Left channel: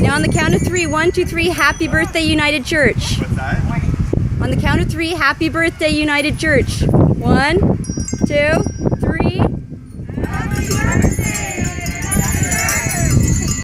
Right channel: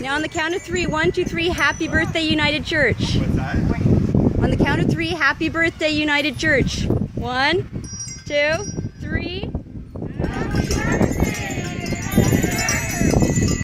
Now on the count of three, 1, 2, 3, happy birthday, United Church. What's that? On the count of three, happy birthday, United Church. 1, 2, 3. Happy birthday!